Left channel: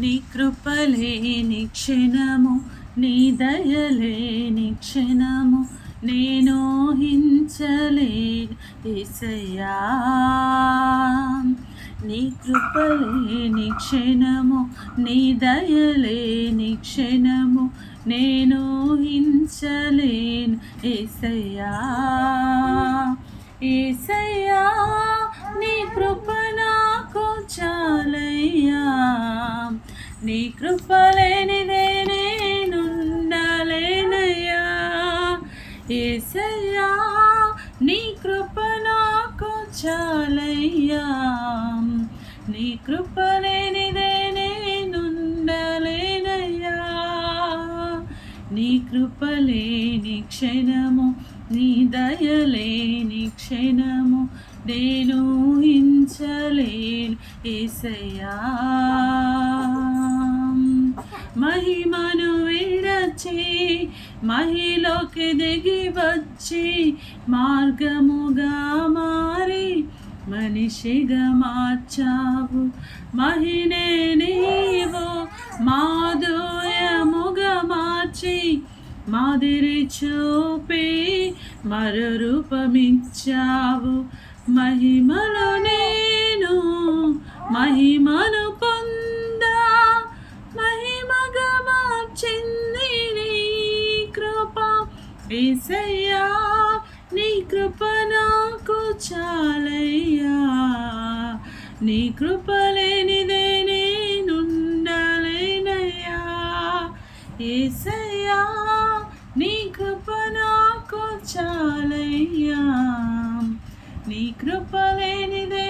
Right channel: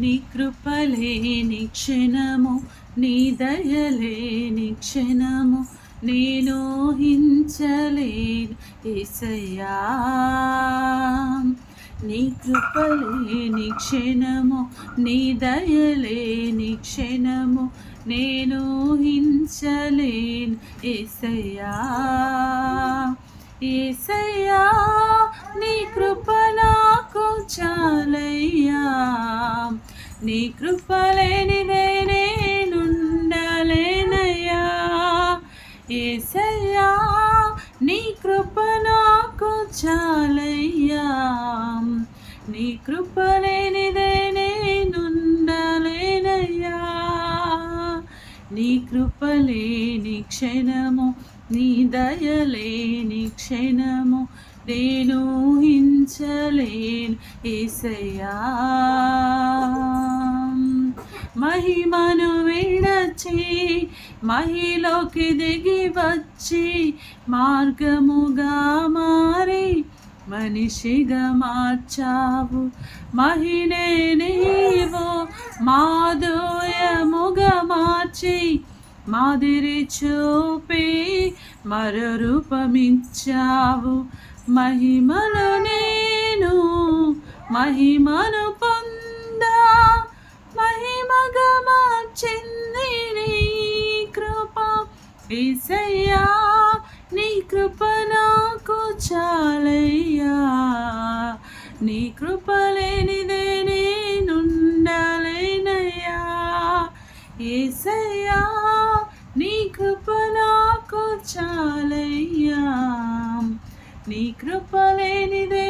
నీ కృపలేని క్షణము, నీ దయలేని క్షణము నేను ఊహించలేను యేసయ్యా. నీ కృపలేని క్షణము, నీ దయలేని క్షణము నేను ఊహించలేను యేసయ్యా. యేసయ్యా నీ కృప నాకు చాలయ్యా, నీ కృప లేనిదే నేనుండలేనయ్యా. యేసయ్యా నీ కృప నాకు చాలయ్యా, నీ కృప లేనిదే నేనుండలేనయ్యా. నీ కృప లేని క్షణము, నీ దయలేని క్షణము నేను ఊహించలేను యేసయ్యా. మహిమను విడచి మహిలోకి దిగి వచ్చి మార్గముగా మారి మనిషిగా మార్చావు. మహినే నీవు మాధుర్యముగా మార్చి మాదిరి చూపి మరో రూపమిచ్చావు. మహిమలో నేను మహిమను పొందా, మహిమగా మార్చింది నీ కృప యేసయ్యా. నీ కృప నాకు చాలయ్యా, నీ కృప లేనిదే నేనుండలేనయ్యా. యేసయ్యా నీ కృప నాకు చాలయ్యా, నీ కృప లేనిదే